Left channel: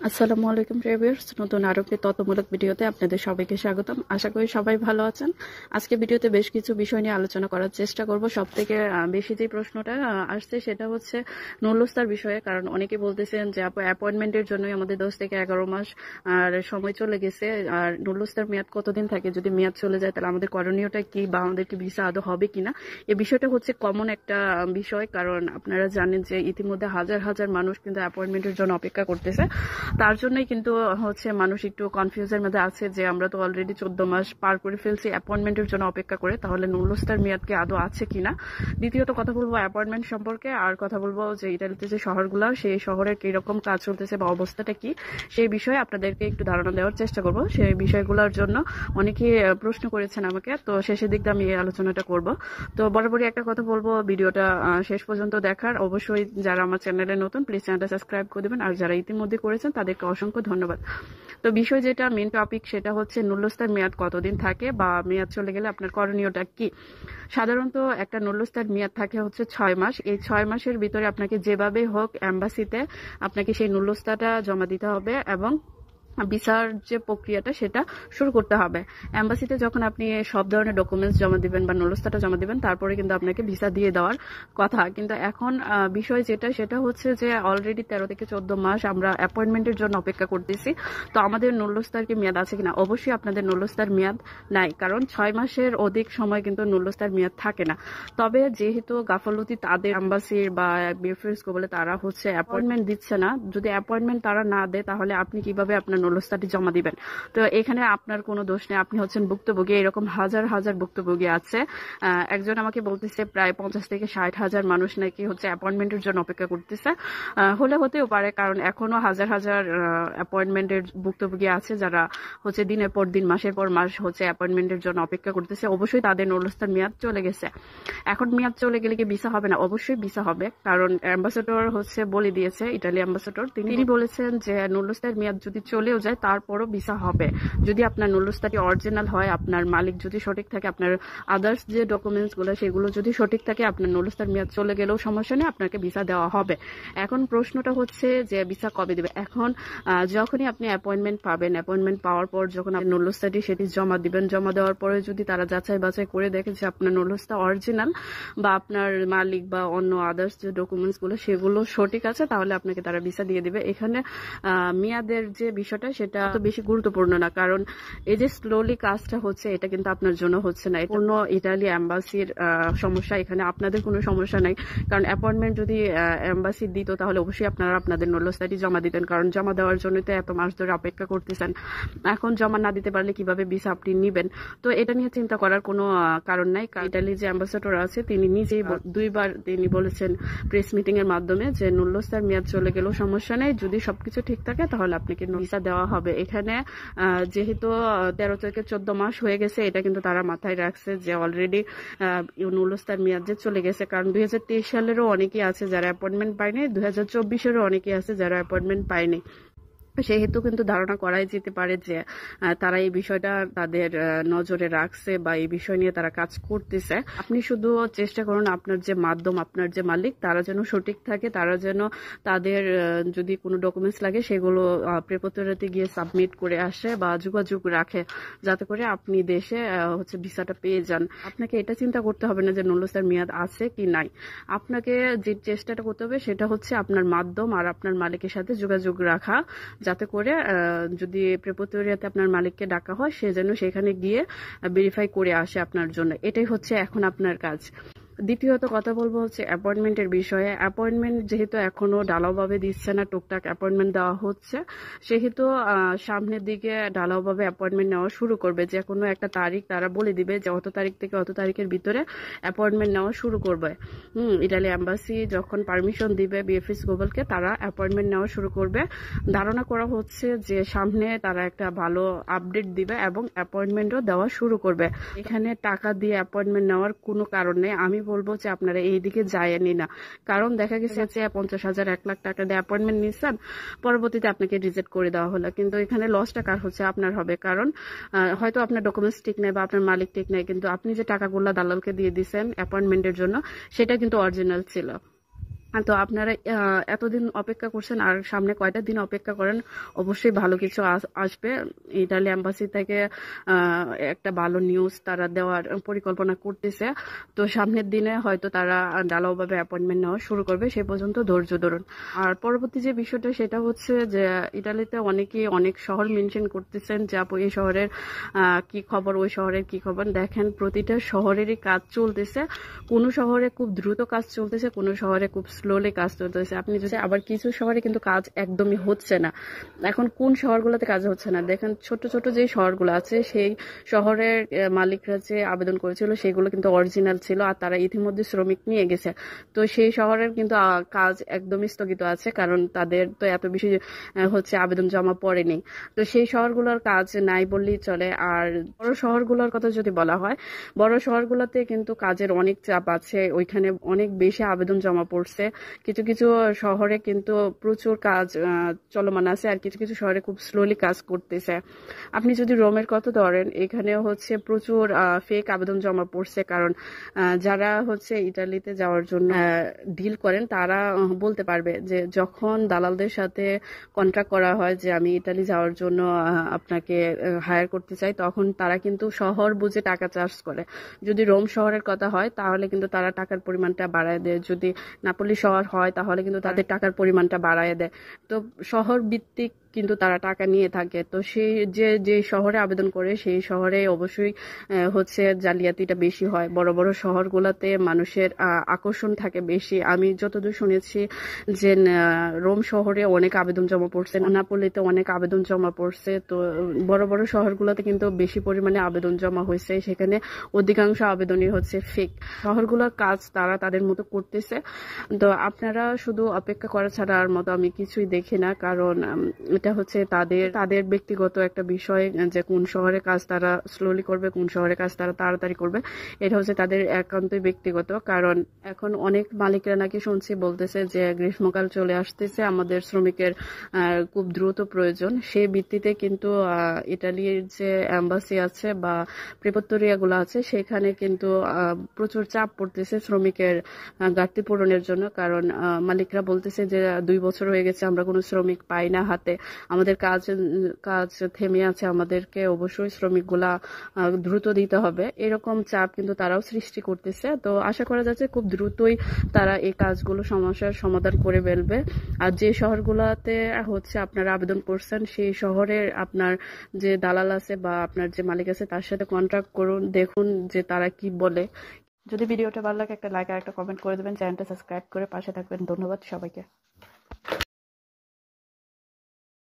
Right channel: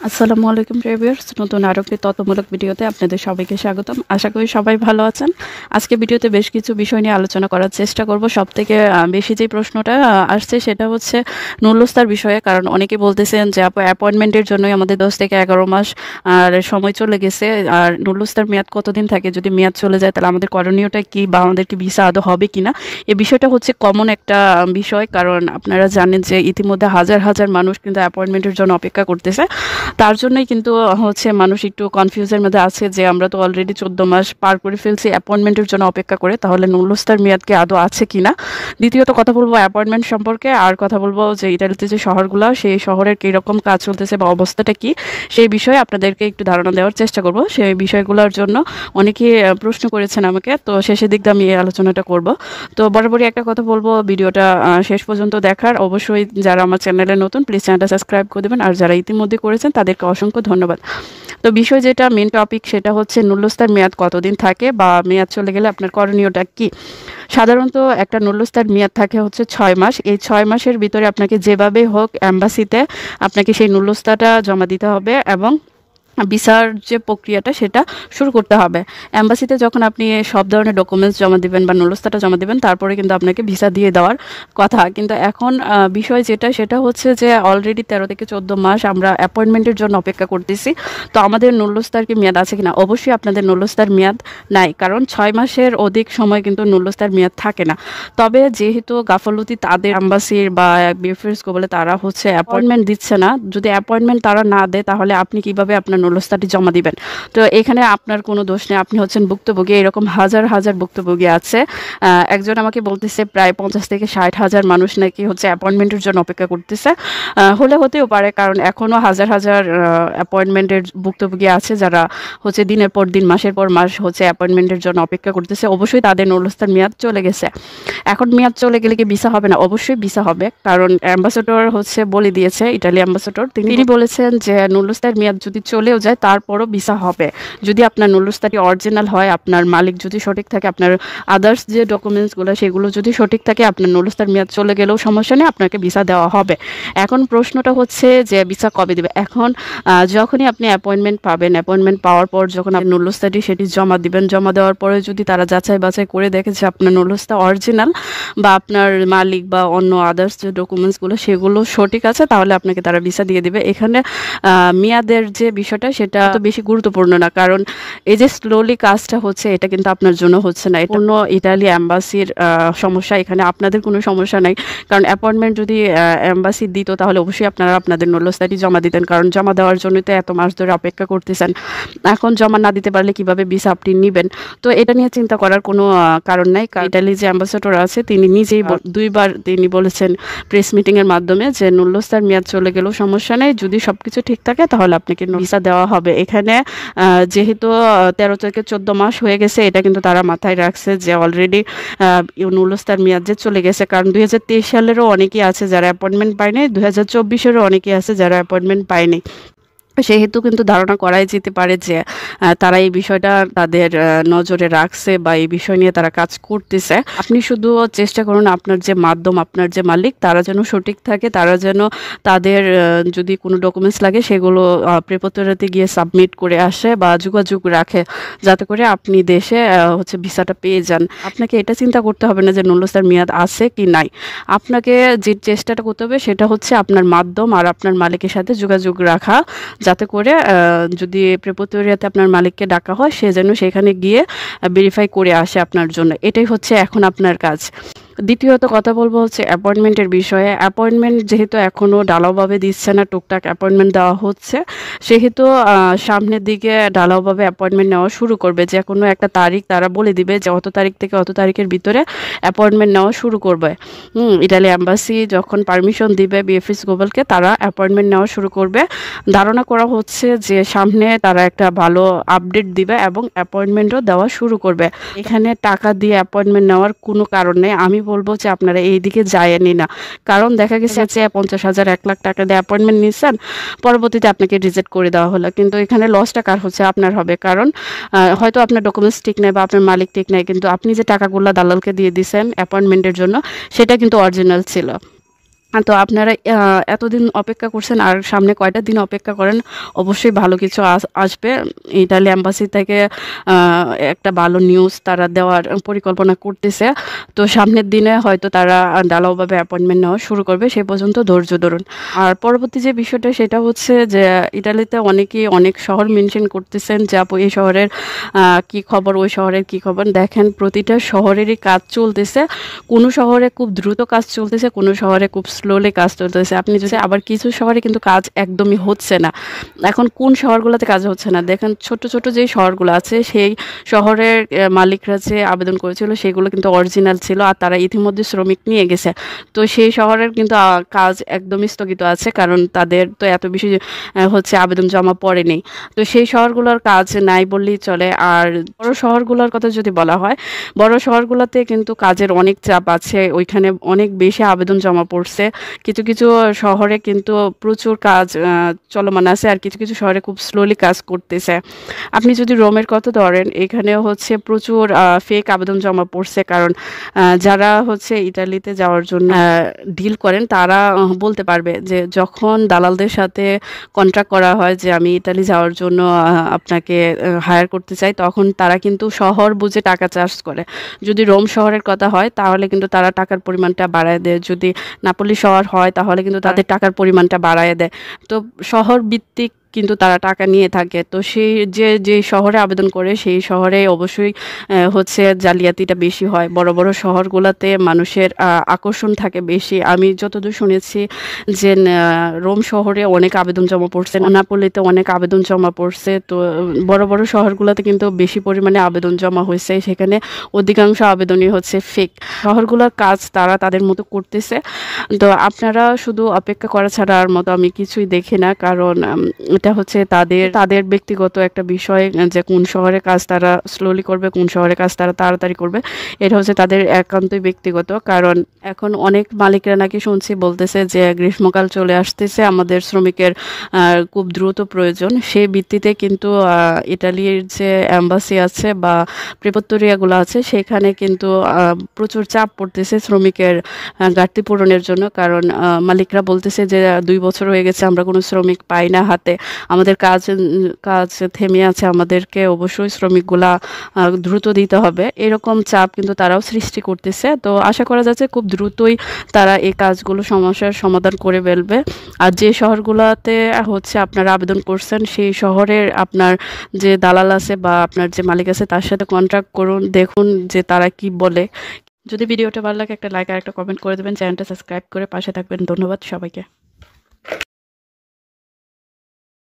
আসসালামু আলাইকুম ভিউয়ার্স, নতুন আরো একটি তথ্যমূলক ভিডিওতে আপনাদের সবাইকে স্বাগতম। আশা করি সবাই ভালো আছেন। আজকে ভিডিওতে বেশ কিছু বিষয় নিয়ে আলোচনা করার চেষ্টা করব। সবথেকে বেশি যে প্রশ্নটা আসছে সেটা হচ্ছে নুরুলস্তার বিষয়ে, কারণ অনেকে বলতেছেন যে অ্যাপয়েন্টমেন্টের জন্যই আমাদের 10 থেকে 11 মাস আর সময় চলে গেছে, আর নুরুলস্তার মেয়াদ কতদিন থাকে, যদি মেয়াদ চলে যায় তাহলে আমাদের করণীয়টা কি বা আমাদেরকে ভিসা আদৌ হবে কিনা। এই বিষয়টা হচ্ছে কমন একটা বিষয়, কারণ আপনারা জানেন যে ইতিমধ্যে হাজার হাজার মানুষ কিন্তু অ্যাপয়েন্টমেন্টের জন্য অপেক্ষা করতেছে। তার জন্যই কিন্তু হচ্ছে মানুষ একটু কনফিউজের মধ্যে আছে যে আমরা তো অলরেডি 14 মাস পার করে ফেলছি অ্যাপয়েন্টমেন্টের জন্য অপেক্ষা করে, তাহলে নুরুলস্তার মেয়াদ কি আদৌ আছে কিনা। দ্বিতীয়ত কথা বলবো অ্যাপয়েন্টমেন্ট সম্পর্কে, আর কথা বলবো যে ইতালিতে যে শহরগুলো সেই শহরের কীরকম কাজ চলতেছে বা অবস্থাটা কি, সেই বিষয়ে আপনাদেরকে একটু ধারণা দেওয়ার চেষ্টা করব। সেই বিষয়গুলোর জন্য অনেকেই প্রশ্ন করেছেন আমাকে, তো শেষের দিক দিয়ে আমি এই আলোচনাটা করব। তো বরাবরই একটা কথা বলবো, ভিডিওটা শেষ পর্যন্ত দেখার। অবশ্যই যারা আমার চ্যানেলে নতুন প্লিজ চ্যানেলটা সাবস্ক্রাইব করে দেবেন, আর যারা ইতিমধ্যে করেছেন তাদেরকে অসংখ্য ধন্যবাদ। তো বিষয় যেটা মেন টপিক সেটা হচ্ছে নুরুলস্তার মেয়াদ কতদিন থাকে বা মেয়াদ চলে গেলে আপনার করণীয়টা কি। সাধারণত একটা নুরুলস্তার মেয়াদ থাকে হচ্ছে 6 মাস। এই 6 মাসের ভিতরে আপনাকে যেভাবে হোক এম্বাসিতে আপনাকে সেই নুরুলস্তাটা জমা দিতে হবে এবং ভিসার যে প্রক্রিয়াটা সেটা শুরু করতে হবে। এম্বাসিতে যখন আপনি সব ধরনের ডকুমেন্টস জমা দিবেন বা নুরুলস্তাটা জমা দিবেন, তারপরে কিন্তু আপনাকে ভিসা দিয়ে দেওয়ার কথা। কিন্তু এখন বিষয় যেটা সেটা হচ্ছে যে অলরেডি 13 থেকে 14 মাস আমরা অ্যাপয়েন্টমেন্টের জন্য অপেক্ষা করতেছি। তো আমাদের নুরুলস্তার কি মেয়াদ আছে কিনা? অবশ্যই আপনাদের নুরুলস্তার মেয়াদ নাই, কারণ 6 মাসের অধিক সময় কিন্তু নুরুলস্তার মেয়াদ থাকে না। তবে যেহেতু গাফলতি তাদের এম্বাসির বা বিএফএস বলে তারা হচ্ছে অ্যাপয়েন্টমেন্ট দিচ্ছে না, যদি অ্যাপয়েন্টমেন্ট তারা না দেয় তাহলে আপনি কিভাবে আপনার নুরুলস্তাটি জমা দিবেন? তো এখানে আপনার কোনো দোষ নেই, আপনি হচ্ছেন ভুক্তভোগী। এরকম হাজার হাজার ভুক্তভোগী আছে। একজন আমাকে বলতেছে প্রায় 50 থেকে 60 হাজার মানুষ নাকি হচ্ছে অ্যাপয়েন্টমেন্টের জন্য অপেক্ষা করতেছে। হলে হতেও পারে, কারণ এখনো হাজার হাজার অ্যাপয়েন্টমেন্টের ভুক্তভোগী আছে যারা হচ্ছে দিনের পর দিন মাসের পর মাস হচ্ছে অ্যাপয়েন্টমেন্টের জন্য অপেক্ষা করতেছে। অবশ্যই তাদের নুরুলস্তার মেয়াদ চলে গেছে। এখন মেয়াদ চলে গেলে কি ভিসা হবে না? অবশ্যই ভিসা হবে, কারণ অ্যাম্বাসেডর হচ্ছে বলে দিয়েছে, ইটালি অ্যাম্বাসেডর তিনি বলেছেন যে নুরুলস্তার মেয়াদ যদি চলেও যায় তারপরও ভিসা হবে, যদি আপনার নুরুলস্তাটি অরিজিনাল হয়, আপনার মালিক যদি সঠিক থাকে, আপনার আদার্স যে ডকুমেন্টসগুলো সেগুলো যদি সঠিক থাকে, আপনার নুরুলস্তার মেয়াদ চলে গেলেও সমস্যা নেই, আপনাকে ভিসা দেওয়া হবে। এখন প্রশ্নটা হচ্ছে যে ভিসা কবে দেবে। এখন যখনই আপনি অ্যাপয়েন্টমেন্ট পাবেন, অ্যাপয়েন্টমেন্ট পাওয়ার পর যখন আপনি নুরুলস্তাটি সেটি জমা দিবেন, জমা দেওয়ার পরে যদি তারা যাচাই বাছাই করে দেখে যে আপনার নুরুলস্তা অরিজিনাল বা আপনার মালিক বা অন্য আদার্স যে ডকুমেন্টসগুলো সেগুলো সঠিক আছে, তাহলে আপনাকে তারা ভিসা দিয়ে দিবে। এখানে মেয়াদের যে বিষয়টা সেটা তো বেশি গুরুত্বপূর্ণ না, কারণ এই যে স্লোলি কাজটা হচ্ছে এটা কিন্তু আপনার জন্য হচ্ছে না, এটা অন্য ইটালি অ্যাম্বাসির সমস্যা। এখানে আপনাদের কোনো সমস্যা নাই, কারণ অ্যাপয়েন্টমেন্ট যদি অ্যাম্বাসি দিত তাহলে অবশ্যই আপনারা আপনাদের নুরুলস্তাটি জমা দিতেন, কারণ জমা দেওয়ার জন্যই তো এত মাস ধরে অপেক্ষা করতেছেন। এখন জমা না দিতে পারলে কিভাবে ভিসা আপনি নেবেন? তো এটা নিয়ে চিন্তা করার কোনো কারণ নাই। ইটালি যে অ্যাম্বাসেডর আছে তিনি নিজেই দুইবার তিনি বলেছেন প্রেস মিটিং এর মাধ্যমে যে নুরুলস্তার মেয়াদ চলে গেলেও সমস্যা নেই, যদি সবকিছু ঠিক থাকে তাহলে আপনাকে ভিসা দেওয়া হবে। এখানে যেহেতু 13 থেকে 14 মাস হয়ে গেছে, এটা কিন্তু তারা মাথায় রাখছে যে অলরেডি নুরুলস্তার মেয়াদ যে চলে গেছে, কারণ 2023 সালেরও অনেকেই আছে যারা অ্যাপয়েন্টমেন্ট পায়নি, 2024-এরও অনেকেই আছে যারা অ্যাপয়েন্টমেন্ট পায়নি। সেহেতু কিন্তু ধারণা করাই যেতে পারে যে তারা এই বিষয়টা তাদের নজরে রাখছে বা এই বিষয় নিয়ে তারা কাজ করতেছে। আপনি শুধু চেষ্টা করুন আপনার যে মাধ্যম, আপনার যে মালিক, তারা যেন সঠিক থাকে, তারা যেন তাদের যদি কোনো ডকুমেন্টস লাগে সেগুলো প্রেপোতরাতে গিয়ে সাবমিট করে আসে বা যোগাযোগ রাখে, যাতে করে আপনি দেশে হচ্ছে ভিসাটা পেয়ে যান। আপনাকে এটা চিন্তা করতে হবে না যে নুরুলস্তার মেয়াদ আছে কি নাই। আপনাকে যে চেষ্টাটা করতে হবে সেটা হচ্ছে আপনার মাধ্যম আর আপনার মালিকের সাথে যোগাযোগ রাখা, যাতে করে যদি প্রেপোতরিয়াতে আপনার মালিককে ডাকা হয় সে যেন সেখানে গিয়ে ভেরিফাই করে আসে আপনার জন্য। এটাই হচ্ছে এখন আপনার কাজ। দ্বিতীয়ত কথা বলবো হচ্ছে অ্যাপয়েন্টমেন্টের বিষয়ে। অ্যাপয়েন্টমেন্ট যেহেতু এখনও ঢালাওভাবে দিচ্ছে না, টুকটাক অ্যাপয়েন্টমেন্ট দেওয়া হচ্ছে, সেহেতু সামনের দিকে ঢালাওভাবে অ্যাপয়েন্টমেন্ট নেওয়া শুরু করবে। যে কোনো একটা তারিখ তারা বলে দিবে যে অত তারিখ থেকে অত তারিখের ভিতরে অ্যাপয়েন্টমেন্ট নেওয়া শুরু করবে। ইটালি অ্যাম্বাসি যখন পারমিশন দিবে বিএফএস গ্লোবালকে, তারা অ্যাপয়েন্টমেন্ট নেওয়া শুরু করবে। ধারণা করা হচ্ছে যে সামনে তারা একটা ভালো আপডেট দিবে এবং অ্যাপয়েন্টমেন্টও দেওয়া শুরু করবে। এখানে টাকা দিয়ে অ্যাপয়েন্টমেন্ট নেওয়ার কোনো কারণ নেই। আমি বলবো যে আপনারা এই দিকে যায়নি না, কারণ দেখা গেছে যে 50,000 1 লাখ টাকা দিয়ে অ্যাপয়েন্টমেন্ট নিচ্ছেন, পরবর্তীতে আপনাকে রিজেক্ট করে দেওয়া হলো, কিন্তু এখানে লসটা কার হচ্ছে? আপনার হবে। কারণ হয়তো আপনার ডকুমেন্টস ঠিক নেই বা আপনার মালিক ঠিক নেই, কিন্তু আপনি যে টাকাগুলো দালালকে দিয়ে দিয়েছেন অ্যাপয়েন্টমেন্টের জন্য সেটা কিন্তু অরিজিনাল ছিল। তো আপনারা এতদিন অপেক্ষা করছেন, আর সামনে কয়টা দিন অপেক্ষা করেন, অবশ্যই ভালো কিছু আসবে। ইতালি এম্বাসি থেকে একটা ভালো নিউজ তারা দেওয়ার পরিকল্পনা করতেছে। তো সামনের দিনে হয়তো তারা ঢালাওভাবে অ্যাপয়েন্টমেন্ট নেওয়া শুরু করবে, সে পর্যন্ত ধৈর্য ধরুন। আর পরবর্তী যে বিষয়টা সেটা হচ্ছে যে ইতালিতে অনেকেই অনেক শহর মেনশন করতেছেন যে আপু এই শহরের কি খবর, ওই শহরের কি খবর। দেখেন প্রতিটা শহরেরই কাজ চলতেছে, কোনো শহরে খুব দ্রুত কাজ চলতেছে, কোনো শহরে খুব স্লোলি কাজ চলতেছে। আপনি যদি আবার কিছু শহরে কিন্তু কাজ একদমই হচ্ছে না। এখন কোন শহরগুলোতে কাজ হচ্ছে না দেখেন, ছোট ছোট যে শহরগুলো আছে সেই শহরের মালিকরা যে আবেদন করেছিল সেগুলো কিন্তু অরিজিনাল ছিল, আর তারা ইতিমধ্যে শ্রমিক নিয়ে গেছে। তো সেই শহরের কিন্তু কাজ একদমই স্থগিত আছে, কারণ তাদের তো এত বেশি হচ্ছে আবেদন জমা পড়েনি। তো সেই শহরগুলোর কাজ নাই বললেই চলে। আর বড় শহরগুলোর কথা যদি বলা হয়, বড় শহরগুলোতে কিন্তু কাজের অনেক চাপ আছে, ওইখানে অনেক বেশি আবেদন জমা পড়ছে। কিছু কিছু শহরে কিন্তু প্রচুর কাজ চলমান আছে, আর কিছু কিছু শহরে খুব স্লোলি কাজ করতেছে। আপনি যদি রোমের কথা ধরেন, এখানে হচ্ছে প্রচুর ফেক আবেদন জমা পড়ছে, কারণ যারা হচ্ছে ইতালিতে যাওয়ার জন্য ডিল করেন তারা বলতে পারবে যে যখন দালালদের সাথে কন্ট্রাক্ট করা হয় যে আমি ইতালি যাওয়ার জন্য আপনাকে হায়ার করতে চাই, তখন তারা কিন্তু শহর বুঝে টাকা চার্জ করে। যদি রোম শহরের কথা হয় তাহলে কিন্তু তারা টাকার পরিমাণটা বাড়ায় দেয়, যদি নাপোলি শহর হয় তাহলে কিন্তু তাদের টাকার পরিমাণটা বাড়ায় দেয়। তো শহর ভিত্তিক কিন্তু তারা টাকা নিয়ে থাকে। তো সেই যে শহরে আবেদন করে সেই শহরে অবশ্যই হচ্ছে জালিয়াতিটা বেশি হয়। বড় বড় শহরগুলোতে মানুষের আকর্ষণ থাকে বেশি। আমি যতদূর শুনেছি যে রোম শহরে অনেক আবেদন জমা পড়ছে, নাপোলিতে অনেক আবেদন জমা পড়ছে। তো বড় বড় শহরগুলোতে কিন্তু বেশি পরিমাণে আবেদন জমা হয়েছে, সেখানে অধিকাংশ আবেদনই হচ্ছে ফেক। শহরগুলোর কাজ তারা তাদের মতো করতেছে। তো আপনারা শুধু অপেক্ষা করা ছাড়া আর মতো আমি কিছুই দেখি না, কারণ এটা হচ্ছে তাদের ব্যক্তিগত একটা বিষয় যে কোন শহরে কাজ তারা স্লোলি করবে, কোন শহরে কাজ তারা তাড়াতাড়ি করবে, এটা হচ্ছে তাদের একান্তই ব্যক্তিগত। কারণ এখন অনেক মালিকরা নাকি শুনছি বলতেছে যে গ্রীষ্মকাল চলে আসতেছে, আমাদের শ্রমিকের খুব দ্রুত প্রয়োজন। সেই ভিত্তিতে কিন্তু ইটালির যে অ্যাম্বাসি আছে বা প্রেপোত্তরিয়াগুলো আছে সেখানে কিন্তু প্রচুর চাপ পড়তেছে শ্রমিকের ঘাটতি পূরণের জন্য। কারণ মালিকরা বলতেছে যে 2 বছর হয়ে গেছে আমরা কোনো শ্রমিক পাই না হাতে, আমাদের কাজ থেমে আছে, আমাদেরকে অবশ্যই শ্রমিকগুলা দ্রুত দিতে হবে। এরকম চাপ কিন্তু তারাও সৃষ্টি করতেছে। তো আশা করা যাচ্ছে খুব দ্রুতই তারা এই কাজগুলো সমস্যার সমাধান করে ফেলবে। আর যে শহরগুলোতে হচ্ছে আপনারা আবেদন করছেন সেই শহরের আপনার যে দালাল আছে বা আপনার যে মালিক আছে তার সাথে কন্ট্যাক্ট করুন, দেখুন যে তারা কি বলে। যদি ভিডিওটা ভালো লাগে একটা লাইক আর একটা কমেন্ট করে দেবেন, চ্যানেলটা সাবস্ক্রাইব করে পাশে থাকবেন। ধন্যবাদ সবাইকে।